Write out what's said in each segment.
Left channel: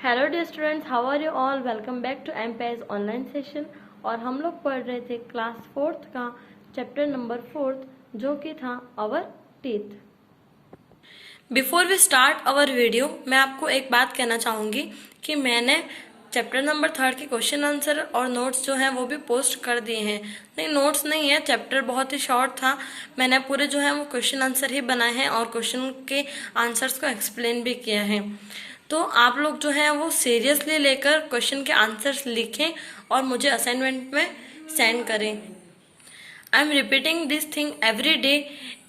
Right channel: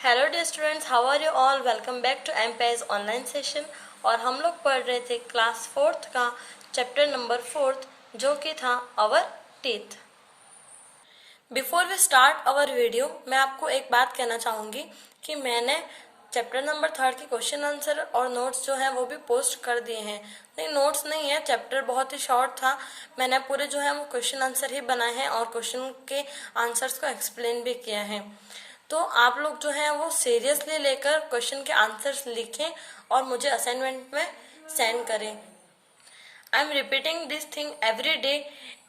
Hello dear students, how are you all. Welcome back to MPI's online session. और हम लोग पढ़ रहे थे क्लास 4th का चैप्टर नंबर 4 जो कि था our teeth. Before we start our video, मैं आपको एक बात कहना चाहूँगी कि मैंने चैप्टर नंबर 3 के क्वेश्चन आंसर और नोट्स जो है वो भी पोस्ट कर दिए हैं। नहीं, नोट्स नहीं है, चैप्टर बहुत ही शॉर्ट था। मैंने पूरे जो है वो क्वेश्चन आंसर ही बनाए हैं और क्वेश्चन के आंसर्स को एक्सप्लेन भी किया है। तो आप लोग जो है वो सीरियसली लेकर क्वेश्चन के आंसर्स लिखें और मुझे असाइनमेंट में सेंड करें। I am repeating this thing every day,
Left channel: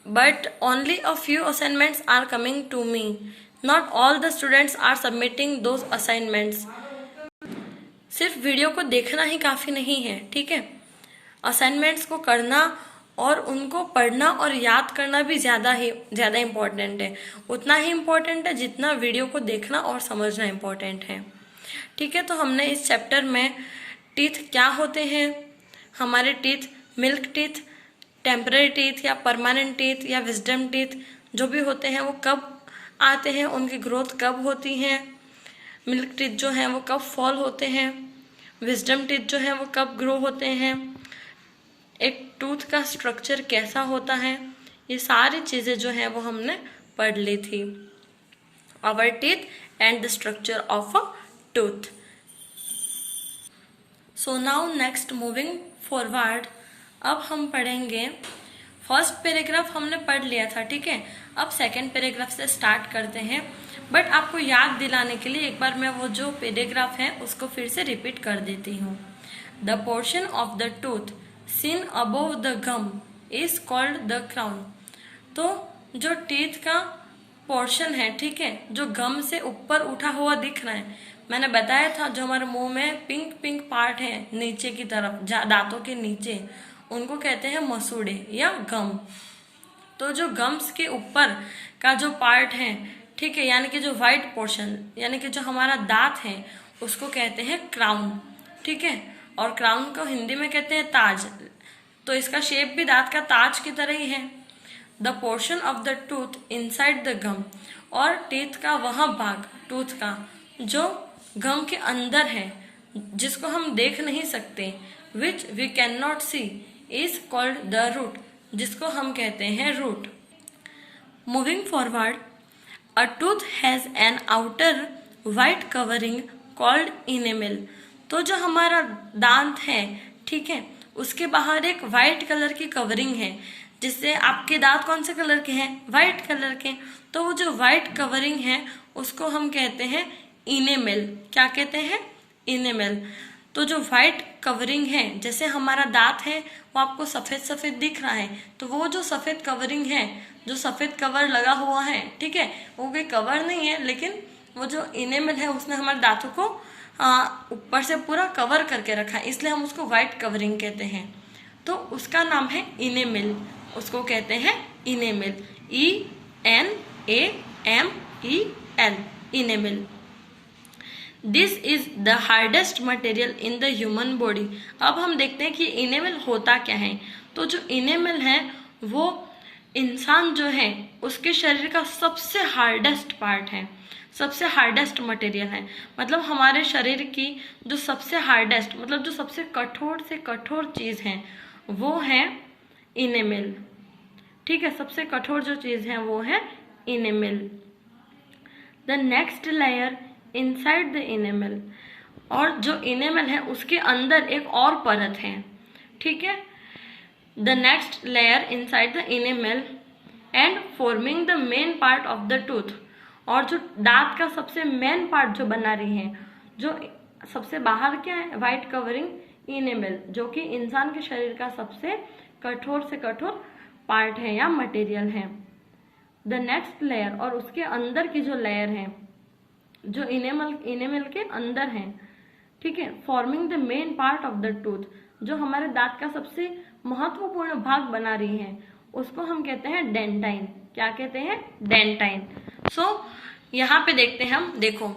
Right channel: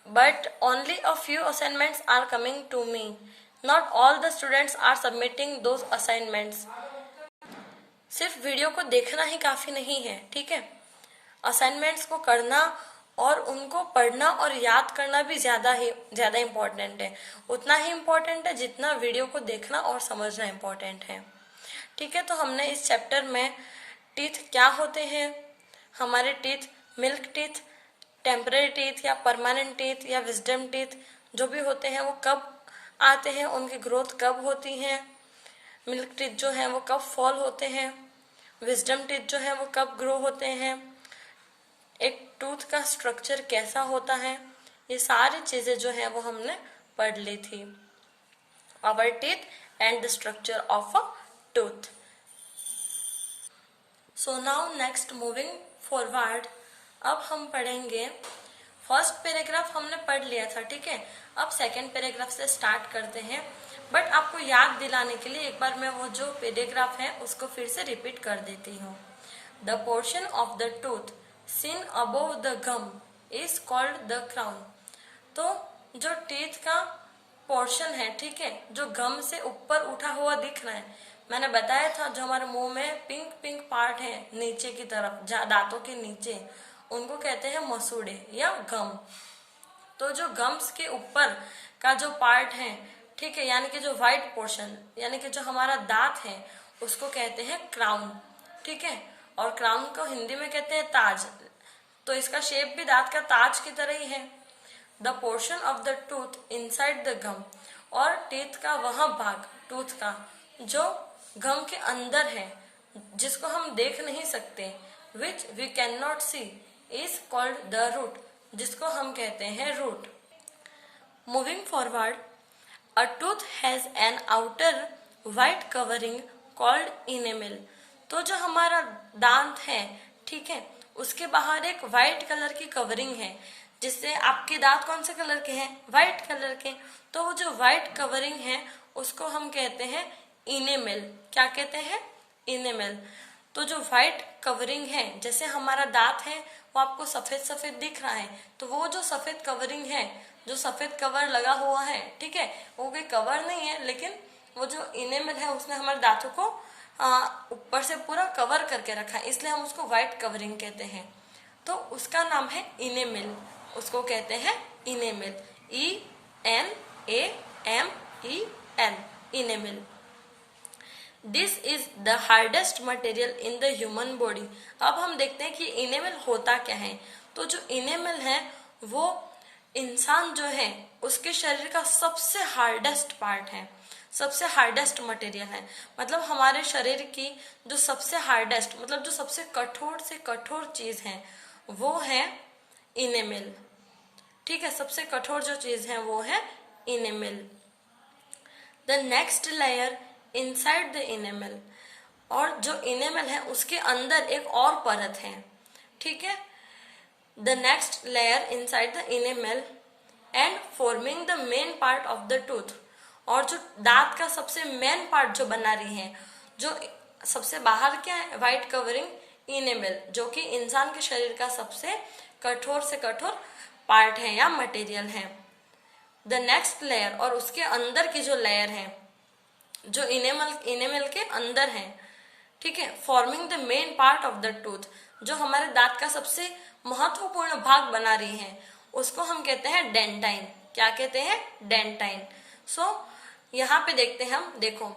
but only a few assignments are coming to me. Not all the students are submitting those assignments. सिर्फ वीडियो को देखना ही काफ़ी नहीं है, ठीक है। असाइनमेंट्स को करना और उनको पढ़ना और याद करना भी ज़्यादा इम्पोर्टेंट है। उतना ही इम्पोर्टेंट है जितना वीडियो को देखना और समझना इम्पोर्टेंट है, ठीक है। तो हमने इस चैप्टर में टीथ क्या होते हैं, हमारे teeth milk teeth, temporary teeth या परमानेंट टीथ या विजडम टीथ जो भी होते हैं वो कब आते हैं, उनकी ग्रोथ कब होती है, मिल्क टीथ जो है वो कब फॉल होते हैं, विजडम टीथ जो है वो कब ग्रो होते हैं, एक टूथ का स्ट्रक्चर कैसा होता है, ये सारी चीज़ें जो है वो हमने पढ़ ली थी। Our teeth and the structure of a tooth. So now next moving forward, अब हम पढ़ेंगे फर्स्ट पैराग्राफ हमने पढ़ लिया था, ठीक है। अब सेकंड पैराग्राफ से स्टार्ट करते हैं, बट आपको याद दिलाने के लिए एक बार मैं वो जो पैराग्राफ है उसको फिर से रिपीट कर देती हूँ। The portion of the tooth seen above the gum is called the crown. तो जो टीथ का पोर्शन है, ठीक है, जो गम से ऊपर उठा हुआ दिख रहा है, मैंने बताया था जो हमारे मुंह में पिंक पिंक पार्ट है नीचे की तरफ, दांतों के नीचे, उनको कहते हैं मसूड़े या गम। तो जो गम्स के ऊपर का जो पार्ट है, ठीक है, यानी कि जो वाइट पोर्शन, यानी कि जो हमारा दांत है, उसको कहते हैं क्राउन, ठीक है। और क्राउन को हिंदी में कहते हैं ताज। तो इसका शेप भी दांत का ताज की तरह ही है। The portion of the tooth inside the gum, और टीथ का वह भाग टूथ का जो गम के अंदर है, जिसको हम देख नहीं सकते, which we can not see, is called the root, जिसको हम कहते हैं root. Moving forward, a tooth has an outer white covering called enamel. तो जो हमारा दांत है, ठीक है, उसके बाहर एक वाइट कलर की कवरिंग है, जिससे आपके दांत कौन से कलर के हैं, वाइट कलर के। तो वो जो वाइट कवरिंग है उसको हम कहते हैं इनेमल। क्या कहते हैं? इनेमल। तो जो व्हाइट कवरिंग है, जैसे हमारा दांत है वो आपको सफेद सफेद दिख रहा है, तो वो जो सफेद कवरिंग है, जो सफेद कवर लगा हुआ है, ठीक है, वो कोई कवर नहीं है, लेकिन वो जो इनेमल है उसने हमारे दांतों को ऊपर से पूरा कवर करके रखा है, इसलिए हम उसको व्हाइट कवरिंग कहते हैं। तो उसका नाम है इनेमल, उसको कहते हैं enamel, ENAMEL, enamel. This is the hardest material in the human body. अब हम देखते हैं कि इनेमल होता क्या है। तो जो इनेमल है वो इंसान जो है उसके शरीर का सबसे हार्डेस्ट पार्ट है, सबसे हार्डेस्ट मटेरियल है। मतलब हमारे शरीर की जो सबसे हार्डेस्ट, मतलब जो सबसे कठोर से कठोर चीज़ है वो है इनेमल, ठीक है। सबसे कठोर जो चीज़ है वो है enamel. The next layer inside the enamel, और जो इनेमल है उसके अंदर एक और परत है, ठीक है। The next layer inside the enamel and forming the main part of the tooth, और जो दांत का सबसे मेन पार्ट जो बना रही है, जो सबसे बाहर क्या है, वाइट कवरिंग इनेमल, जो कि इंसान के शरीर का सबसे कठोर से कठोर पार्ट है या मटेरियल है। द नेक्स्ट लेयर, और उसके अंदर की जो लेयर है, जो इनेमल के अंदर है, ठीक है, forming the main part of the tooth, जो हमारे दांत का सबसे महत्वपूर्ण भाग बना रही है, उसको हम कहते हैं डेंटाइन। क्या कहते हैं? डेंटाइन। सो यहाँ पे देखते हैं हम, देखो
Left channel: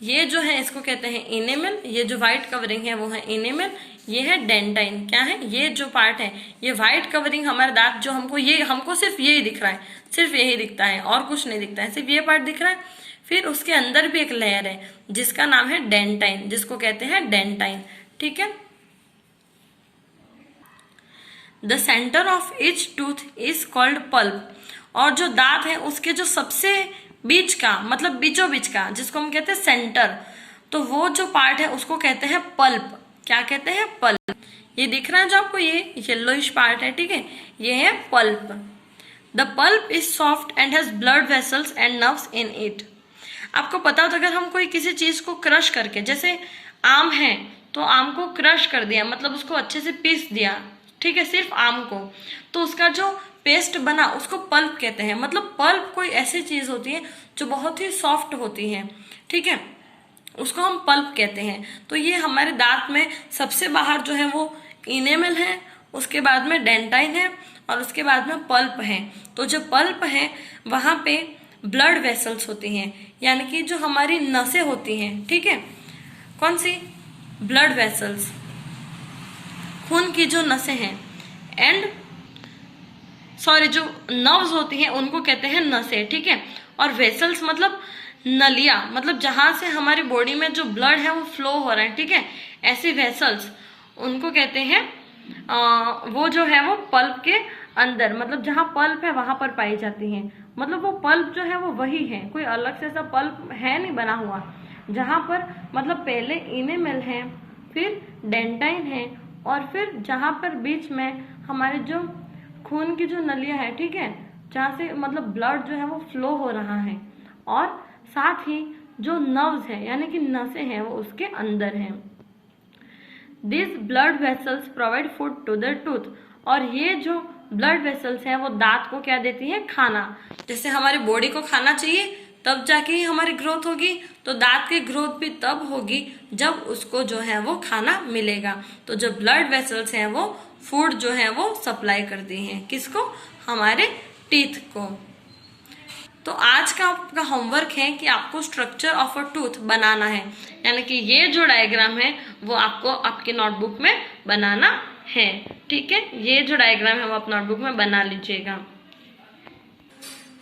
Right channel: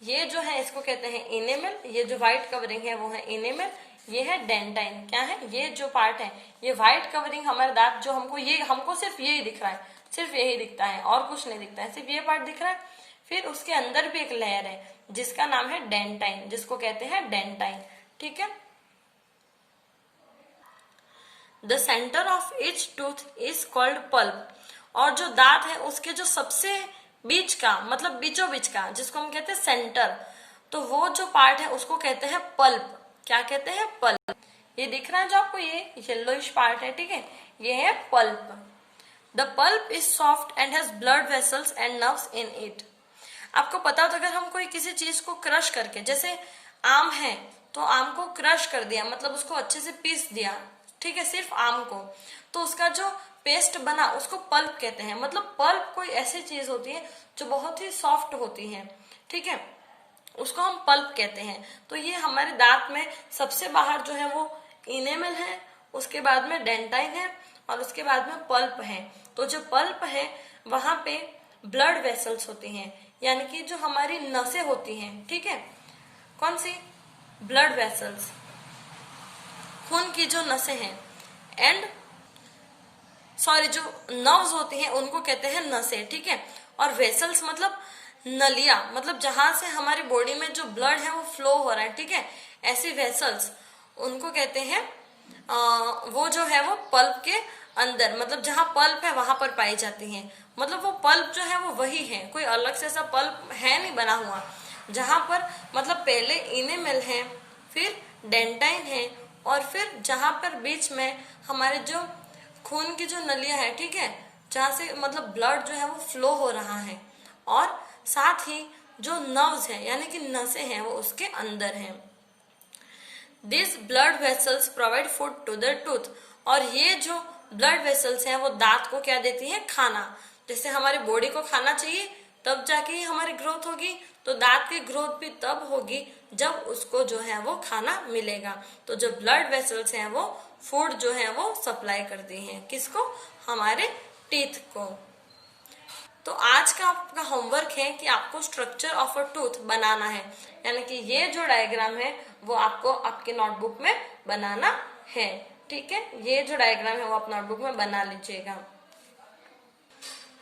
ये जो है इसको कहते हैं इनेमल, ये जो व्हाइट कवरिंग है वो है इनेमल, ये है डेंटाइन। क्या है? ये जो पार्ट है, ये व्हाइट कवरिंग हमारे दांत जो हमको सिर्फ यही दिख रहा है, सिर्फ यही दिखता है और कुछ नहीं दिखता है, सिर्फ ये पार्ट दिख रहा है। फिर उसके अंदर भी एक लेयर है जिसका नाम है डेंटाइन, जिसको कहते हैं डेंटाइन, ठीक है। The centre of each tooth is called pulp, और जो दांत है उसके जो सबसे बीच का, मतलब बीचों बीच का, जिसको हम कहते हैं सेंटर, तो वो जो पार्ट है उसको कहते हैं पल्प। क्या कहते हैं? पल्प। ये दिख रहा है जो आपको, ये येलोइश पार्ट है, ठीक है, ये है pulp. The pulp is soft and has blood vessels and nerves in it. आपको पता हो तो अगर हम कोई किसी चीज को क्रश करके, जैसे आम है तो आम को क्रश कर दिया, मतलब उसको अच्छे से पीस दिया, ठीक है, सिर्फ आम को, तो उसका जो पेस्ट बना उसको पल्प कहते हैं। मतलब पल्प कोई ऐसी चीज होती है जो बहुत ही सॉफ्ट होती है, ठीक है, उसको हम पल्प कहते हैं। तो ये हमारे दांत में सबसे बाहर जो है वो इनेमल है, उसके बाद में डेंटाइन है, और उसके बाद में पल्प है। तो जो पल्प है वहां पे ब्लड वेसल्स होती हैं, यानी कि जो हमारी नसें होती हैं, ठीक है, कौन सी? ब्लड वेसल्स, खून की जो नसें हैं, एंड सॉरी जो नर्व्स होती हैं उनको कहते हैं नसें, ठीक है। और वेसल्स मतलब नलिया, मतलब जहां से हमारी बॉडी में जो ब्लड है वो फ्लो हो रहा है, ठीक है, ऐसी वेसल्स उनको कहते हैं वो जो है वो पल्प के अंदर, मतलब जहां पल्प है वहां पर पाई जाती हैं। मतलब वो पल्प जो है वो वही है, कोई अलग से ऐसा पल्प है नहीं बना हुआ, जहां पर मतलब पहले इनेमल है, फिर डेंटाइन है, और फिर जहां पर बीच में हमारे जो खून की जो नलियां है, ठीक है, जहां से मतलब ब्लड जो है वो फ्लो हो रहा है, और साथ ही जो नर्व्स है यानी कि नसें हैं वो उसके अंदर हैं। This blood vessels provide food to the tooth, और ये जो ब्लड वेसल्स हैं वो दांत को क्या देती हैं? खाना। जैसे हमारी बॉडी को खाना चाहिए तब जाके ही हमारी ग्रोथ होगी, तो दांत की ग्रोथ भी तब होगी जब उसको जो है वो खाना मिलेगा। तो जो ब्लड वेसल्स हैं वो फूड जो है वो सप्लाई करती हैं, किसको? हमारे टीथ को। तो आज का आपका होमवर्क है कि आपको स्ट्रक्चर ऑफ अ टूथ बनाना है, यानी कि ये जो डायग्राम है वो आपको आपके नोटबुक में बनाना है, ठीक है, ये जो डायग्राम है वो आप नोटबुक में बना लीजिएगा।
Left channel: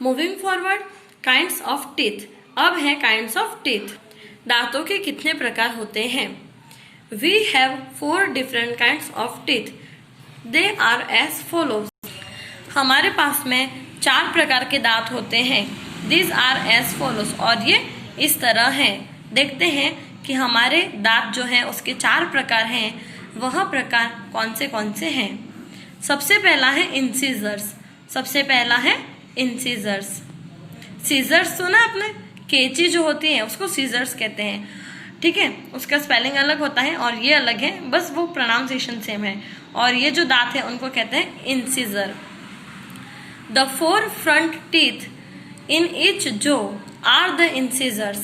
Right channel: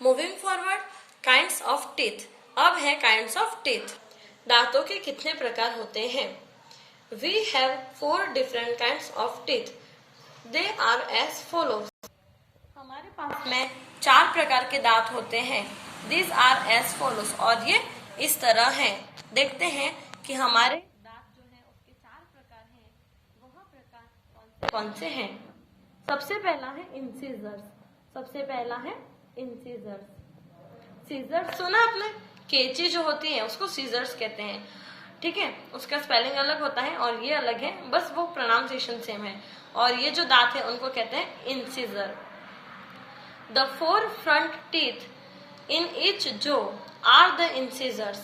Moving forward, kinds of teeth. अब है काइंड्स ऑफ टीथ। दांतों के कितने प्रकार होते हैं? We have 4 different kinds of teeth, they are as follows. हमारे पास में 4 प्रकार के दांत होते हैं, दिस आर एज फॉलोज, और ये इस तरह हैं। देखते हैं कि हमारे दांत जो हैं उसके 4 प्रकार हैं, वह प्रकार कौन से हैं। सबसे पहला है इंसीजर्स। सबसे पहला है इंसीजर्स। सीजर्स सुना आपने? कैंची जो होती है उसको सीजर्स कहते हैं, ठीक है, उसका स्पेलिंग अलग होता है और ये अलग है, बस वो प्रोनाउंसिएशन सेम है। और ये जो दांत है उनको कहते हैं incisor. The 4 front teeth in each jaw are the incisors.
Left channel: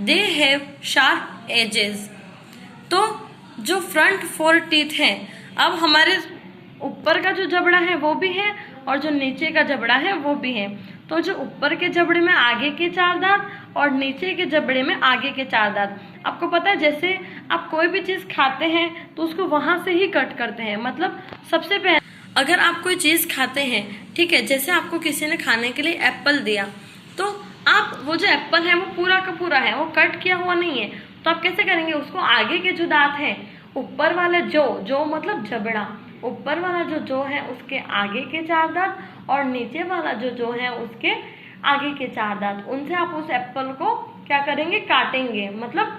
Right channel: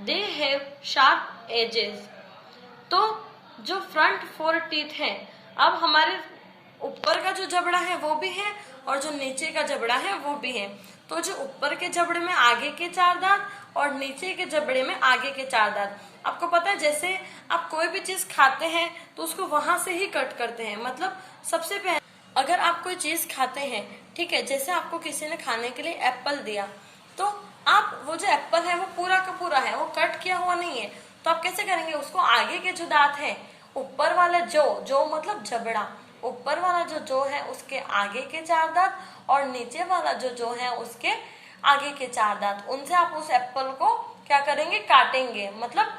They have sharp edges. तो जो फ्रंट 4 टीथ हैं, अब हमारे ऊपर का जो जबड़ा है वो भी है और जो नीचे का जबड़ा है वो भी है। तो जो ऊपर के जबड़े में आगे के 4 दांत और नीचे के जबड़े में आगे के 4 दांत। आपको पता है जैसे आप कोई भी चीज खाते हैं तो उसको वहां से ही कट करते हैं। मतलब सबसे पहले अगर आप कोई चीज खाते हैं, ठीक है, जैसे आपको किसी ने खाने के लिए एप्पल दिया, तो आप वो जो एप्पल है वो पूरा का पूरा है, वो कट किया हुआ नहीं है, तो आप कैसे करेंगे उसको? आगे के जो दांत हैं, ऊपर वाले जो मतलब जबड़ा, ऊपर वाला जो है उसके आगे के 4 दांत और नीचे वाला जो है उसके आगे के 4 दांत, उनसे आप उस एप्पल को क्या करेंगे? काटेंगे, मतलब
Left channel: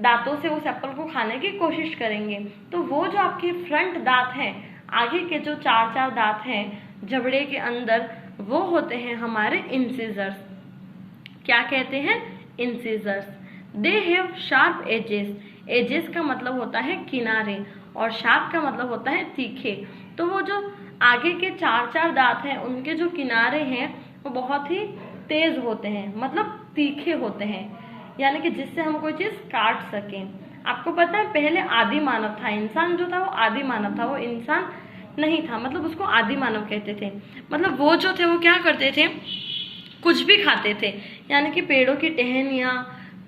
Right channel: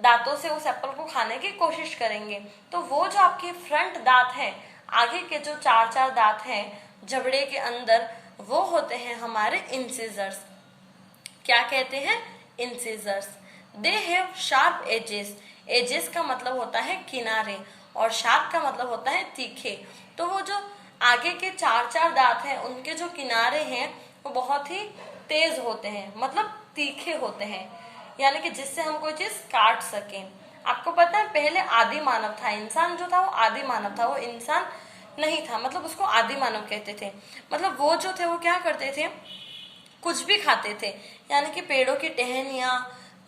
दांतों से उस एप्पल को खाने की कोशिश करेंगे। तो वो जो आपकी फ्रंट दांत है, आगे के जो 4 दांत हैं जबड़े के अंदर, वो होते हैं हमारे इंसीजर्स। क्या कहते हैं? Incisors. They have sharp edges. Edges का मतलब होता है किनारे और शार्प का मतलब होता है तीखे। तो वो जो आगे के 4 दांत हैं उनके जो किनारे हैं वो बहुत ही तेज होते हैं, मतलब तीखे होते हैं, यानी कि जिससे हम कोई चीज काट सकें। आपको पता है पहले आदि मानव था, इंसान जो था वो आदि मानव था, वो इंसान नहीं था, मतलब उसको आदि मानव कहते थे। मतलब वो जो थे वो क्या करते थे? कुछ भी खाते थे, यानी कि पेड़ों की टहनियाँ,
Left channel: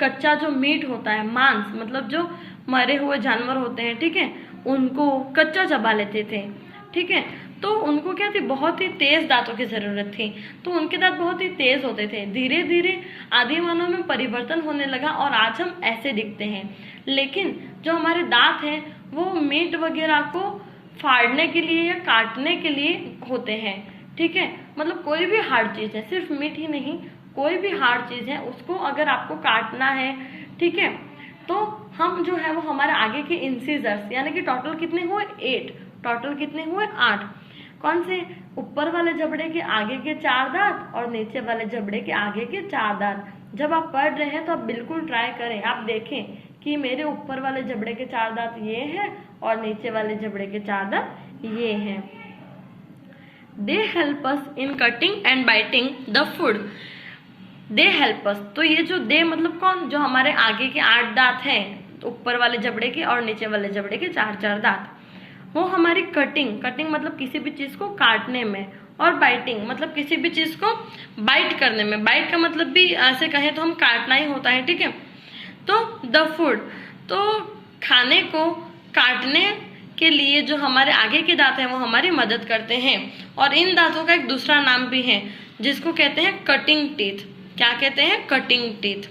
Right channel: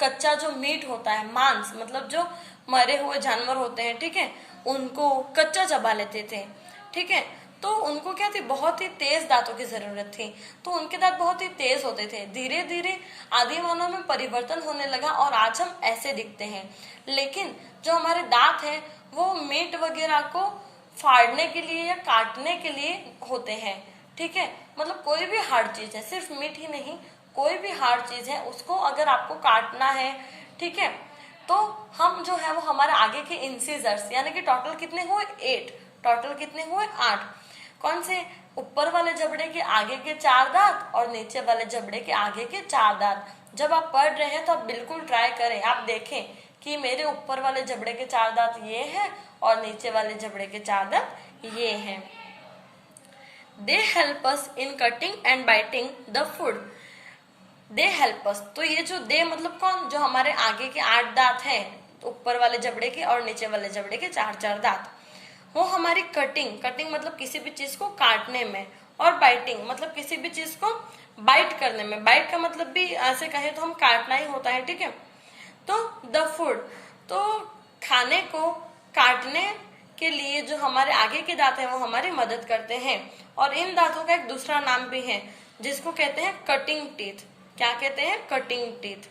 कच्चा जो मीट होता है, मांस, मतलब जो मरे हुए जानवर होते हैं, ठीक है, उनको कच्चा चबा लेते थे, ठीक है। तो उनको क्या थी, बहुत ही तेज दांतों की जरूरत थी। तो उनके दांत बहुत ही तेज होते थे। धीरे धीरे आदि मानव में परिवर्तन होने लगा और आज हम ऐसे दिखते हैं। लेकिन जो हमारे दांत हैं वो मीट वगैरह को फाड़ने के लिए या काटने के लिए होते हैं, ठीक है। मतलब कोई भी हार्ड चीज है, सिर्फ मीट ही नहीं, कोई भी हार्ड चीज है उसको अगर आपको काटना है, ठीक है, तो हम जो है वो हमारे आगे के इंसिजर्स, यानी कि टोटल कितने हुए 8, टोटल कितने हुए 8। कौन से, ऊपर वाले जबड़े के आगे के 4 दांत और नीचे वाले जबड़े के आगे के 4 दांत। जब आप पढ़ रहे हैं तो आप बिल्कुल ट्राई करें, आप देखें कि मेरे ऊपर वाले जबड़े के 4 दांत ये हैं और नीचे वाले जबड़े के 4 दांत ये हैं। They help us in cutting and biting the food. They help us, तो ये जो दे मतलब कौन, जो हमारे आगे के 8 दांत हैं ऊपर वाले जबड़े के और नीचे वाले जबड़े के 4 दांत, वो हमारी कटिंग मतलब किसी भी चीज को काटने में, और बाइटिंग मतलब किसी भी चीज को बाइट करने में। बाइट का मतलब भी ऐसे कहें तो हम काटना ही होता है, ठीक है। तो द फूड, तो खाने को काटने के लिए जो हमारे आगे के दांत हैं वो हमारी मदद करते हैं। और इन दांतों का एक दूसरा नाम भी है जिसको कहते हैं कटिंग टीथ। क्या कहते हैं, कटिंग टीथ।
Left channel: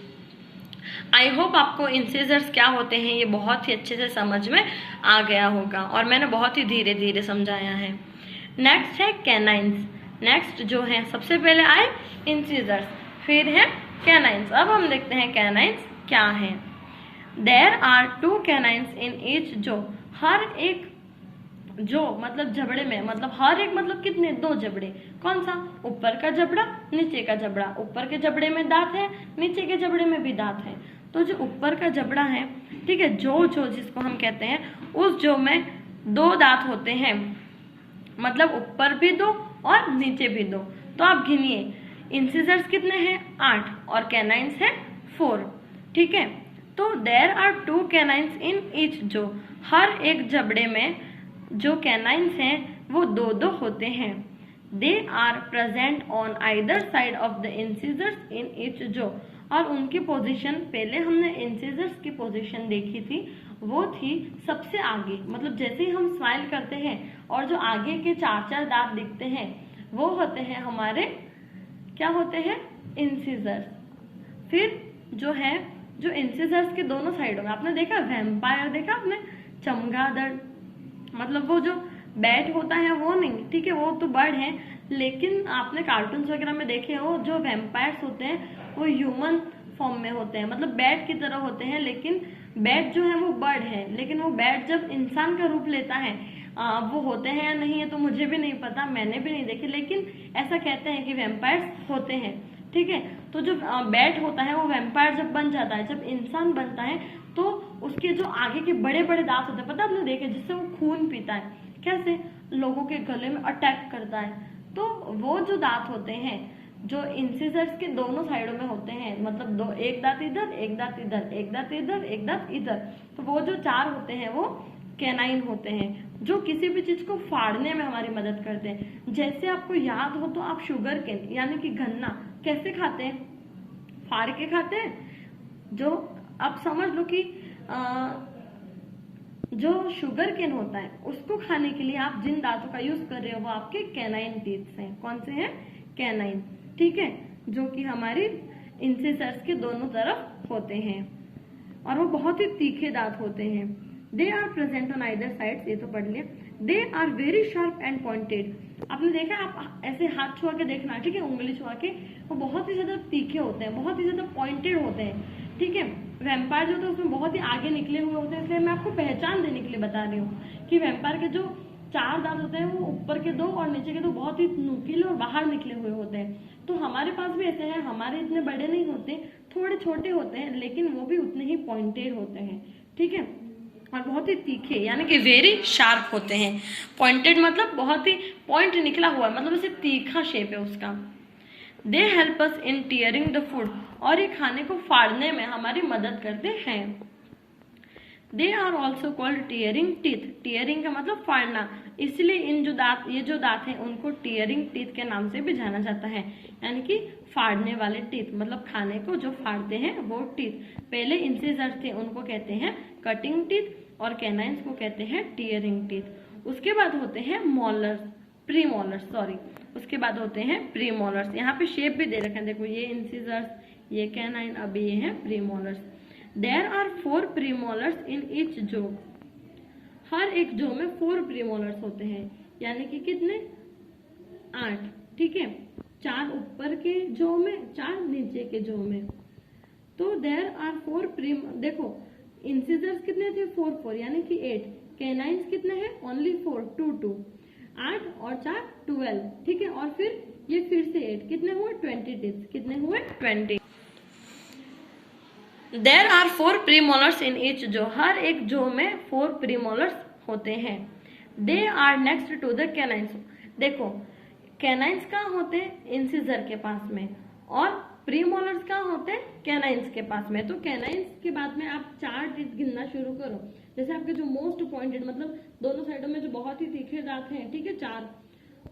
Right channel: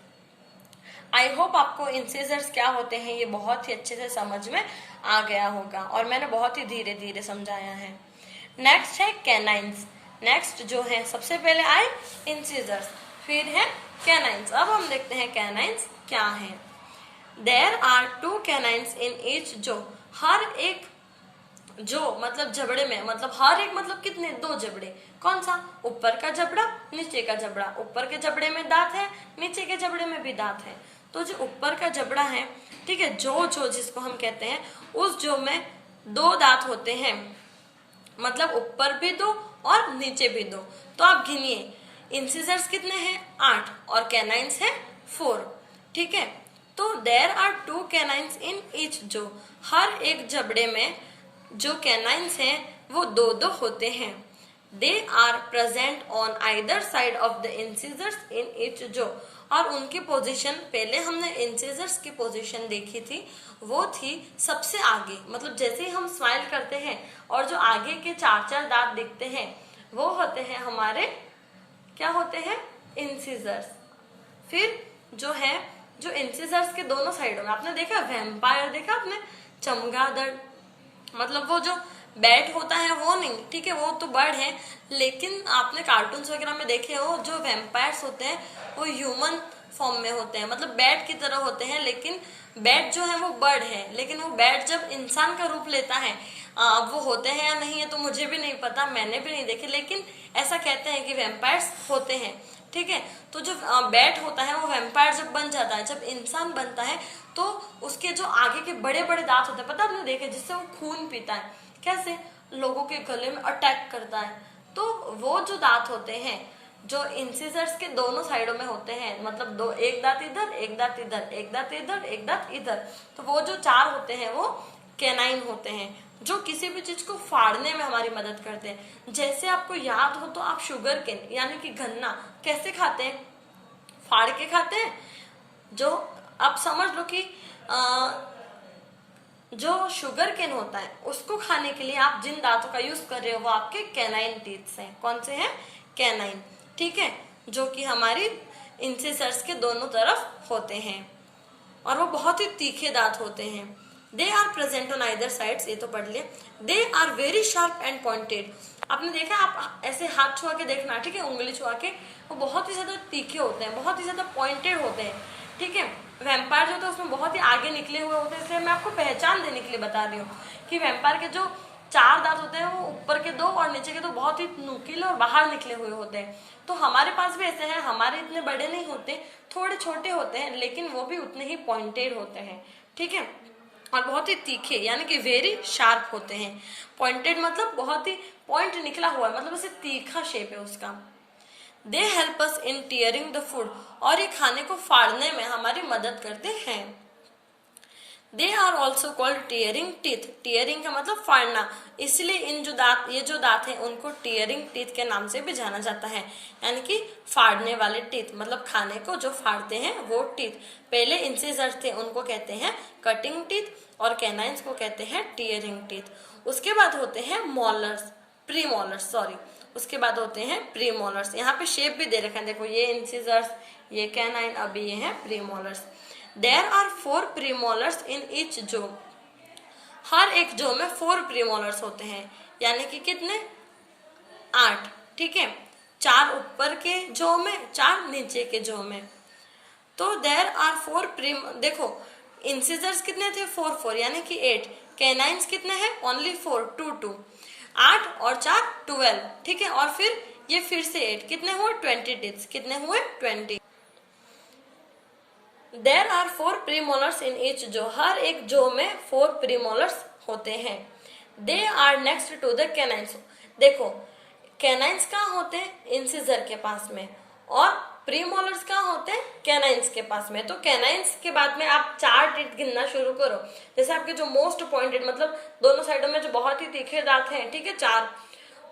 आई होप आपको इंसिजर्स क्या होते हैं ये बहुत ही अच्छे से समझ में आ गया होगा, और मैंने बहुत ही धीरे धीरे समझाया है। नेक्स्ट है कैनाइन्स। नेक्स्ट जो है, सबसे पहले आए इंसिजर्स, फिर है कैनाइन्स। अब हम देखते हैं कैनाइन्स क्या है। There are 2 canines in each jaw, हर एक जो मतलब जबड़े में, मतलब हर एक मतलब कितने, 2 जबड़े। कौन सा, ऊपर का जबड़ा नीचे का जबड़ा। ऊपर के जबड़े में दांत है, नीचे के जबड़े में भी दांत है। तो जो ऊपर का जबड़ा है, ठीक है, जो जिसको हम कहते हैं, उस जो में 2 दांत होते हैं, मतलब ऊपर भी 2 और नीचे भी 2। तो आप गिनिए इंसिजर्स कितने हैं, 8, और कैनाइन्स है 4, ठीक है। तो there are 2 canines in each jaw, हर एक जबड़े में जो कैनाइन्स हैं वो 2 होते हैं। They are present on either side of the incisors in each jaw, और उनकी पोजीशन, पहले हमने इंसिजर्स की पोजीशन देखी थी, वो थी सबसे आगे। मतलब जैसे ही हम स्माइल करते हैं और जो आगे के 4 दांत दिखते हैं वो होते हैं हमारे, क्या होते हैं, इंसिजर्स। फिर जो है, जो इंसिजर्स के दोनों साइडों में, आपने देखा वैम्पायर, देखा आपने, चमगादड़, मतलब वो जो बैट होता है वो नहीं, ठीक है, वो तो बर्ड है, लेकिन आपने कार्टून्स वगैरह में देखे हो जो वैम्पायर्स होते हैं वो ह्यूमन फॉर्म में होते हैं, मतलब बैट की तरह होते हैं। लेकिन बैट जो है वो बर्ड है, लेकिन वो बैट जब इंसान का रूप लेता है, वो होते हैं या नहीं है तो मुझे भी नहीं पता, मैंने भी नहीं देखे, लेकिन ऐसा कहते हैं कि वैम्पायर्स होते हैं, ठीक है। तो जो बैट होता है वो वैम्पायर जब बन जाता है, जब इंसान बनता है, तो उसके जो आगे के बड़े बड़े दांत होते हैं, पता आपने देखे, जिससे वो खून पीता है, कैसे लोगों के गले में अटैक करता है। तो वो जो दांत होते हैं जो इंसिजर्स के दोनों साइडों में होते हैं, मतलब एक दांत इधर, एक दांत इधर, एक दांत इधर, एक दांत इधर, तो वो जो 4 होते हैं वो कैनाइन होते हैं, जो किसी भी चीज को फाड़ने में हमारी मदद करते हैं। जैसे आपको याद हो तो आप शुगर केन यानी कि गन्ना कैसे खाते हैं, फाड़ के खाते हैं। जो आप समझ लो कि जो शुगर केन होता है उसको खाने के लिए आप जिन दांतों का यूज कर रहे हो वो आपके कैनाइन टीथ्स हैं। कौन से हैं, कैनाइन, ठीक है, जो कि हमारी इंसिजर्स के दोनों तरफ होते हैं, और वो बहुत ही तीखे दांत होते हैं। They are present on either sides, ये तो पढ़ लिया। They are very sharp and pointed. आपने देखा, आप ऐसे हाथ छुआ के देखना, ठीक है, उंगली छुआ के, वो बहुत ही ज्यादा तीखे होते हैं, बहुत ही ज्यादा पॉइंटेड होते हैं, ठीक है। वैम्पायर जो होता है उसमें बहुत ही आगे निकले हुए होते हैं, इसलिए मैं आपको पहचान देने के लिए बता रही हूँ कि वैम्पायर के जो 4 दांत होते हैं वो ऊपर के 2 और नीचे के 2 बहुत ही नुकीले और बाहर निकले हुए होते हैं। तो हमारे पास भी ऐसे हैं, हमारे इतने बड़े नहीं होते, थोड़े छोटे होते हैं, लेकिन वो भी उतने ही पॉइंटेड होते हैं, ठीक है, और बहुत ही तीखे यानी कि वेरी शार्प होते हैं। पॉइंटेड मतलब बहुत ही पॉइंट निकला हुआ है, मतलब ऐसे तीखा शेप है उसका। They help us in tearing the food, और ये खाने को फाड़ने में हमारी मदद करते हैं। They are also called tearing teeth. Tearing का मतलब फाड़ना, इसलिए इन जो दांत, ये जो दांत हैं उनको टीयरिंग टीथ के नाम से भी जाना जाता है, यानी कि फाड़ने वाले टीथ, मतलब खाने को जो फाड़ते हैं वो टीथ। पहले इंसिजर्स थे उनको कहते हैं कटिंग टीथ, और कैनाइन्स को कहते हैं टीयरिंग टीथ। उसके बाद होते हैं मॉलर्स। प्रीमोलर्स, सॉरी, उसके बाद होते हैं प्रीमोलर्स। यहाँ पे शेप भी दे रखे हैं, देखो ये इंसिजर्स, ये कैनाइन, अभी ये है premolars. There are 4 premolars in each jaw, हर एक जो में 4 प्रीमोलर्स होते हैं, यानी कि कितने, 8, ठीक है, 4 ऊपर के जो में, 4 नीचे के जो में। तो देयर आर 4 देखो इंसिजर्स कितने थे, 4 4 यानी कि 8, कैनाइन्स कितने हैं, ओनली 4 2 2, 8 और 4 12, ठीक है, और फिर ये फिर से 8, कितने हुए 20 टिप्स, कितने हुए 20। There are 4 premolars in each jaw, हर एक जो में 4 प्रीमोलर्स होते हैं। They are next to the canines, देखो कैनाइन्स कहाँ होते हैं, इंसिजर के पास में, और प्रीमोलर्स कहाँ होते हैं, कैनाइन्स के पास में। तो कैनाइन्स के बाद में आप 4 टीथ गिनना शुरू करो, जैसे आपके जो मोस्ट पॉइंटेड, मतलब दोनों साइडों में जो बहुत ही तीखे दांत हैं, ठीक है, 4,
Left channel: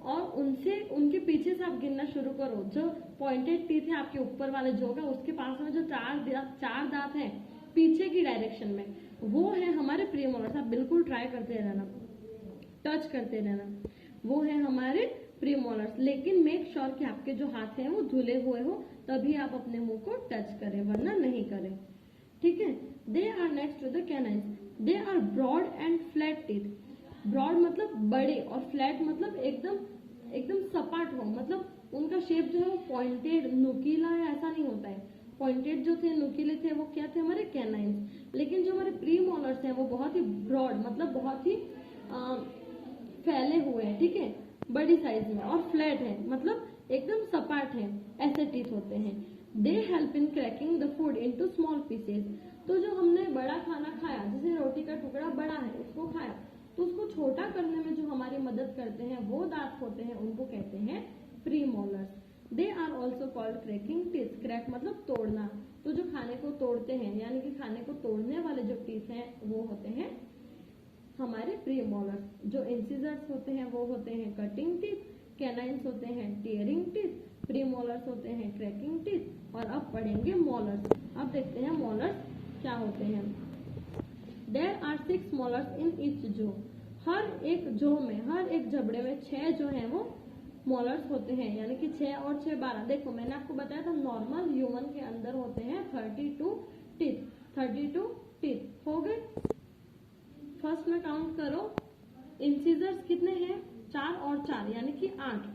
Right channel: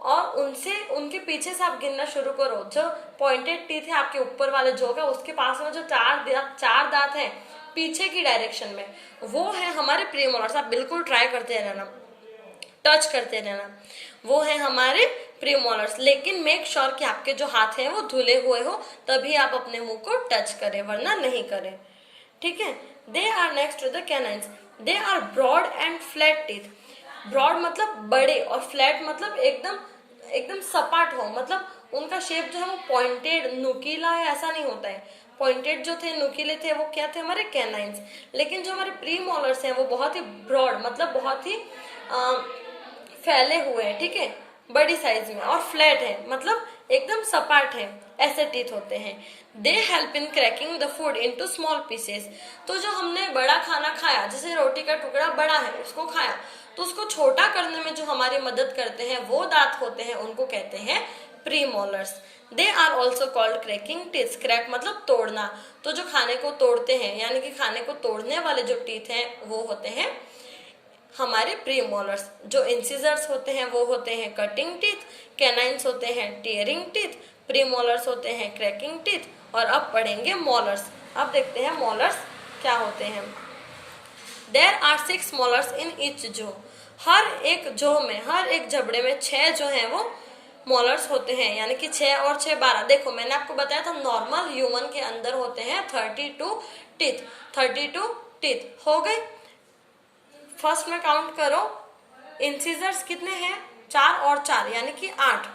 और उनसे उनके पीछे से आप गिनना शुरू करो। जो पॉइंटेड टीथ है आपके ऊपर वाले जो का, उसके पास में जो 4 दांत हैं पीछे की डायरेक्शन में, वो है हमारे प्रीमोलर्स। आप बिल्कुल ट्राई करते रहना, टच करते रहना, वो है हमारे प्रीमोलर्स। लेकिन मेक श्योर कि आपके जो हाथ हैं वो धुले हुए हो, तभी आप अपने मुंह को टच करें, वरना नहीं करें, ठीक है। They are next to the canines, they are broad and flat teeth. Broad मतलब बड़े, और फ्लैट मतलब एकदम सपाट हो, मतलब उनका शेप जो है वो पॉइंटेड, नुकीला है, ऐसा नहीं होता है। पॉइंटेड जो थे, नुकीले थे, वो क्या थे, हमारे कैनाइन्स। लेकिन जो हमारे प्रीमोलर्स हैं वो बहुत ही ब्रॉड, मतलब बहुत ही फैले हुए हैं, ठीक है, बड़ी साइज में, और फ्लैट है, मतलब एकदम सपाट है, ऐसे टीथ होते हैं। They help in cracking the food into small pieces. तो जो हमने बड़ा खाना खाया, जैसे रोटी का टुकड़ा बड़ा है, उसको खाया, तो उसको छोटा करने में जो हमारी मदद करते हैं वो दांत होते हैं, उनको कहते हैं premolars. They are also called cracking teeth. Crack मतलब तोड़ना, तो जो खाने को तोड़ते हैं, यानी कि खाने को तोड़ने वाले जो टीथ हैं वो होते हैं हमारे प्रीमोलर्स। जो इंसिजर्स होते हैं वो होते हैं कटिंग टीथ, कैनाइन्स होते हैं टीयरिंग टीथ, प्रीमोलर्स होते हैं क्रैकिंग टीथ, और अब पढ़ेंगे मोलर्स। अब देखते हैं मोलर्स क्या होते हैं। There are 6 molars in each jaw, हर एक जो में, हर एक जबड़े में 6 जो हैं वो मोलर्स होते हैं, यानी कि 6 और 6 12। देखो मैंने आपको बताया था नॉर्मल ह्यूमन के अंदर होते हैं 32 टीथ, 32 टीथ हो गए। फर्स्ट में काउंट करो, इंसिजर्स कितने हैं, 4 और 4 यानी कि 8,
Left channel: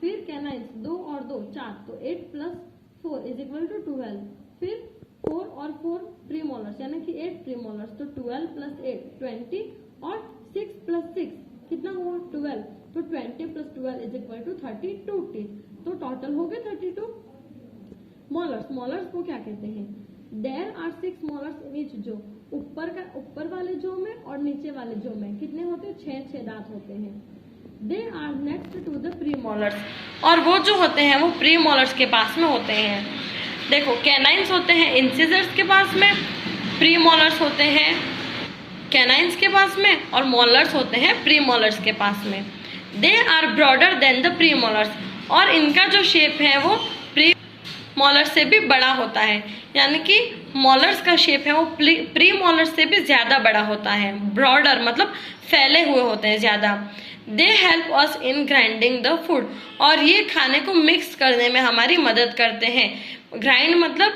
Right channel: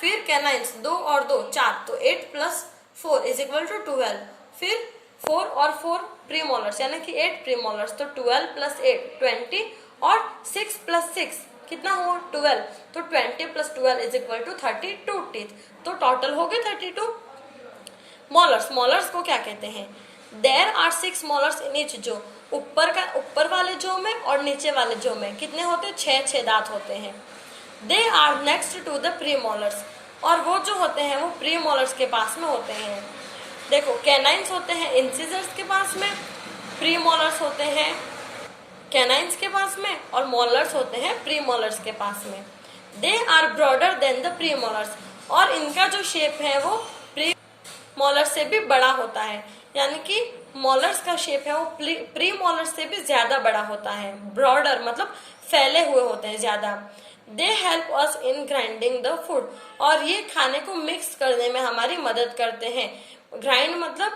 फिर कैनाइन्स 2 और 2 4, तो 8 + 4 = 12, फिर 4 और 4 प्रीमोलर्स यानी कि 8 प्रीमोलर्स, तो 12 + 8 20, और 6 + 6 कितना हुआ 12, तो 20 + 12 = 32 टीथ, तो टोटल हो गए 32 मोलर्स। मोलर्स को क्या कहते हैं, there are 6 molars in each jaw, ऊपर वाले जो में और नीचे वाले जो में कितने होते हैं, 6 दांत होते हैं। They are next to the premolars, और वो जो होते हैं वो प्रीमोलर्स के पास में होते हैं। देखो कैनाइन्स होते हैं इंसिजर्स के पास में, प्रीमोलर्स होते हैं कैनाइन्स के पास में, और मोलर्स होते हैं प्रीमोलर्स के पास में। They are broader than the premolars, और इनका जो शेप है वो प्रीमोलर्स से भी बड़ा होता है, यानी कि मोलर्स का शेप है वो प्रीमोलर्स से भी ज्यादा बड़ा होता है। ब्रॉडर मतलब फैले हुए होते हैं ज्यादा। They help us in grinding the food, और ये खाने को मिक्स करने में हमारी मदद करते हैं। ग्राइंड मतलब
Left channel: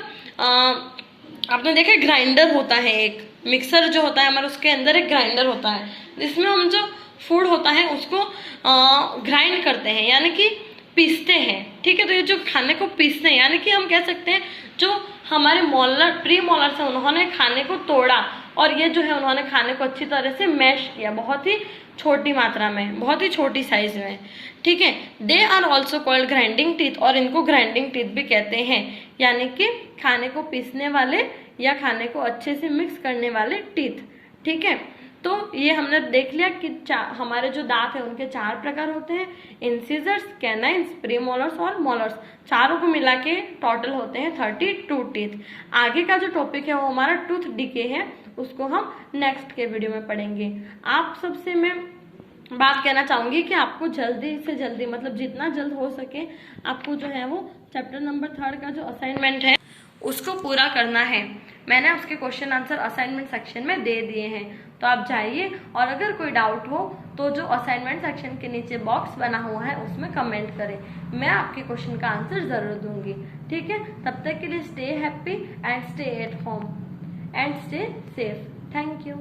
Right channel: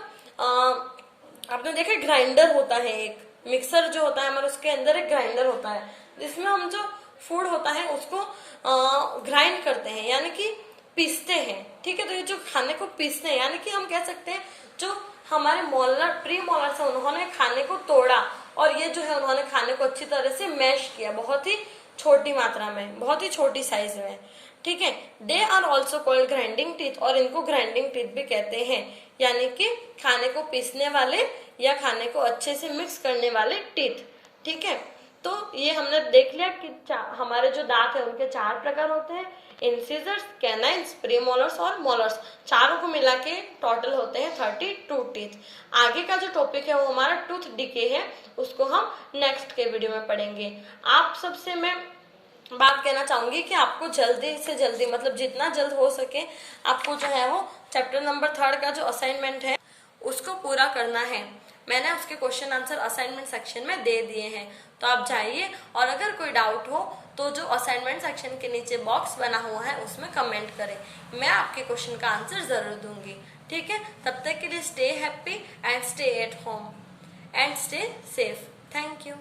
आपने देखा ग्राइंडर होता है, एक मिक्सर जो होता है हमारा, उसके अंदर एक ग्राइंडर होता है जिसमें हम जो फूड होता है उसको ग्राइंड करते हैं, यानी कि पीसते हैं, ठीक है। तो ये जो खाने को पीसते हैं, यानी कि हम कह सकते हैं जो हमारे प्रीमोलर्स है उन्होंने खाने को तोड़ा, और ये जो है उन्होंने खाने को अच्छी तरह से मैश किया, बहुत ही छोटी मात्रा में, बहुत ही छोटी साइज में, ठीक है। They are also called grinding teeth, और इनको ग्राइंडिंग टीथ भी कहते हैं, यानी कि खाने को पीसने वाले या खाने को अच्छे से मिक्स करने वाले टीथ, ठीक है। तो ये हमने देख लिया कि हमारे जो दांत है उनके 4 प्रकार होते हैं, इंसिजर्स, कैनाइन्स, प्रीमोलर्स और मोलर्स। चारों को मिला के टोटल होते हैं 32 टीथ। आगे का जो टॉपिक है वो हमारा टूथ डिके है, उसको हम नेक्स्ट के वीडियो में पढ़ेंगे। आप सबसे मैं बात कहना चाहूंगी कि आपको जल्दी से जल्दी, मतलब जितना जल्द हो सके, आपको जो है वो चैप्टर नंबर 3 का जो असाइनमेंट है उसको पूरा करना है। मैंने उसके क्वेश्चन आंसर असाइनमेंट सेक्शन में दे दिए हैं, तो आप जाइए और अगर कोई डाउट हो तो जो असाइनमेंट सेक्शन के नीचे बॉक्स बना हुआ है उसमें कमेंट करें, मैं आपके क्वेश्चन का आंसर जरूर दूंगी। ठीक है, तब तक के लिए stay happy and stay at home and stay safe. Thank you.